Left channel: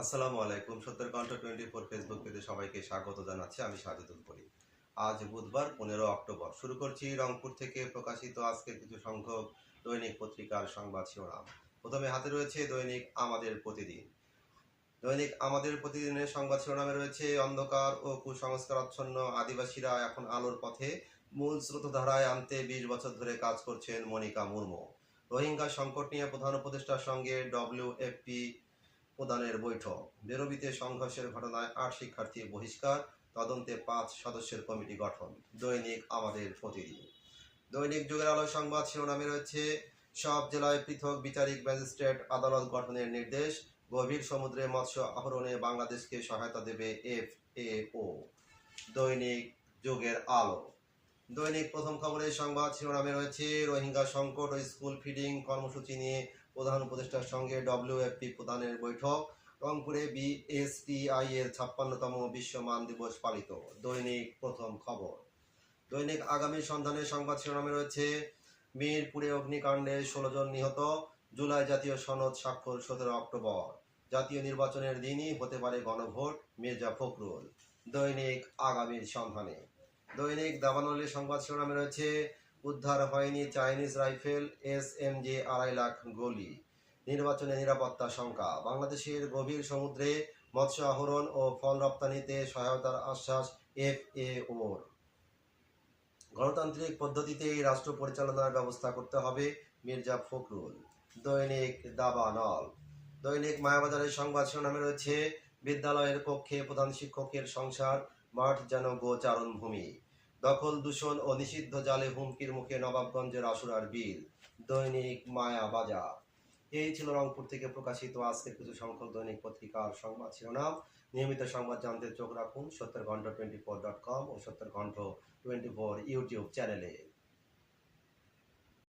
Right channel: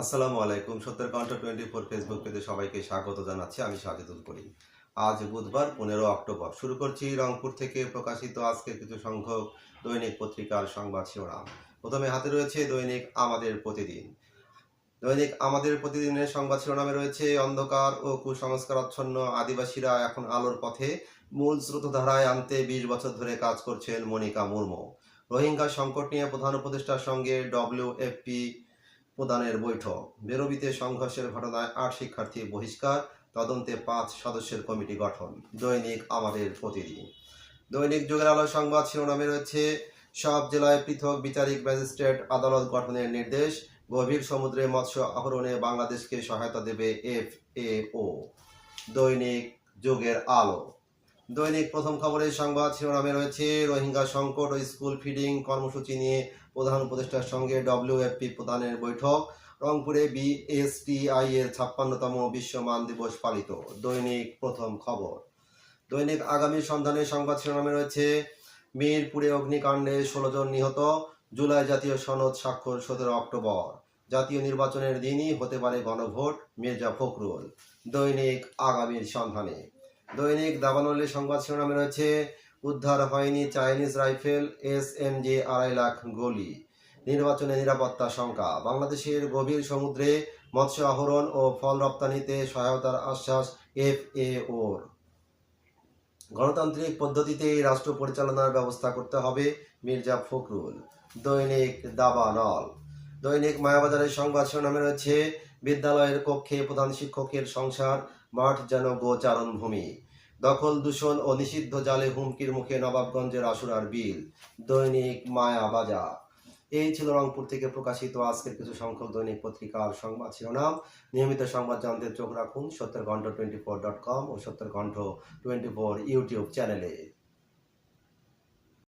আসসালামু আলাইকুম। সত্তর কণ্ঠ টোয়েন্টি ফোর ফেসবুক পেজে সবাইকে স্বাগত জানাচ্ছি। আমি সাজেদুল করিম। আজ বুধবার, পনেরো অক্টোবর। শুরু করছি রংপুর থেকে প্রকাশিত আজকের কিছু সংখ্যক দৈনিক পত্রিকার সংবাদ শিরোনাম। প্রথমে হাতে রয়েছে দৈনিক আমাদের প্রতিদিন। দৈনিক আমাদের প্রতিদিনের সংবাদ শিরোনামে রয়েছে অন্ধকার ও কুসংস্কারাচ্ছন্ন আদিবাসীরা এখন আলোর পথে। মূল স্রোতধারায় আনতে বিশ বছর ধরে কাজ করছেন মনিকা মুর্মু। রোহিঙ্গা সংকট নিয়ে প্রধান উপদেষ্টার সঙ্গে ডব্লিউএফপি প্রদানের বৈঠক। বেরোবিতে সংঘর্ষের ঘটনায় আট শিক্ষার্থী বহিষ্কার, তদন্তে পাঁচ সদস্যের কমিটি গঠন। দৈনিক আমাদের প্রতিদিন। দৈনিক যুগের আলো সংবাদ শিরোনামে রয়েছে, সব জেলায় পৃথক বিচারিক ম্যাজিস্ট্রেট আদালত গঠনের নির্দেশ, গভীর সমুদ্রে মৎস্য আহরণে বাংলাদেশকে সহায়তা দেবে এফ এ ও দৈনিক যুগের আলো। দৈনিক প্রথম খবরের সংবাদ শিরোনামে রয়েছে, রোহিঙ্গা সংকট ও স্কুল ফিডিং কর্মসূচি নিয়ে প্রধান উপদেষ্টার সঙ্গে ডব্লিউএফপি প্রধানের বৈঠক। রংপুরে বিএসটিআই এর ছাপ্পান্নতম বিশ্ব মান দিবস পালিত। দৈনিক প্রথম খবর। দৈনিক আগামী সন্ধানের সংবাদ শিরোনামে রয়েছে, মিরপুরে অগ্নিকাণ্ডে ষোলো জন নিহত, জুলাই জাতীয় সনদ স্বাক্ষর সতেরো অক্টোবর। জাতীয় নির্বাচনের দিনই হতে পারে গণভোট, মির্জা ফখরুল। দৈনিক আগামীর সন্ধানে। দৈনিক দাবানলের সংবাদ শিরোনামে রয়েছে উদ্ধার হয়নি Chinese rifle S M G আড়াই লাখ গুলি। নির্বাচনে নিরাপত্তা শঙ্কা। বাংলাদেশের গভীর সমুদ্রে মৎস্য আহরণ ও ফল রপ্তানিতে সহায়তার আশ্বাস এফ এ ওর গণতান্ত্রিক পদ্ধতিতে রাষ্ট্র পরিচালনার ব্যবস্থা করতে হবে মির্জা ফখরুল। দৈনিক দাবানল দৈনিক মায়াবাজারের সংবাদ শিরোনামে রয়েছে, বিদ্যালয়ের কক্ষে প্রধান শিক্ষকের সংসার, মাঠ যেন গোচারণ ভূমি দখল দূষণ ও নিষিদ্ধ জালে হুমকির মুখে নবাবগঞ্জের আসুরার বিল, দৈনিক মায়া বাজার। এই ছিল রংপুর থেকে প্রকাশিত আজকের কিছু সংখ্যক দৈনিক পত্রিকার সংবাদ শিরোনাম। নিয়মিত সংবাদ জানতে চোখ রাখুন সত্তর ঘণ্টা টোয়েন্টি ফোর ডট কম ও সত্তর ঘণ্টা টোয়েন্টি ফোর ইউটিউব চ্যানেলে।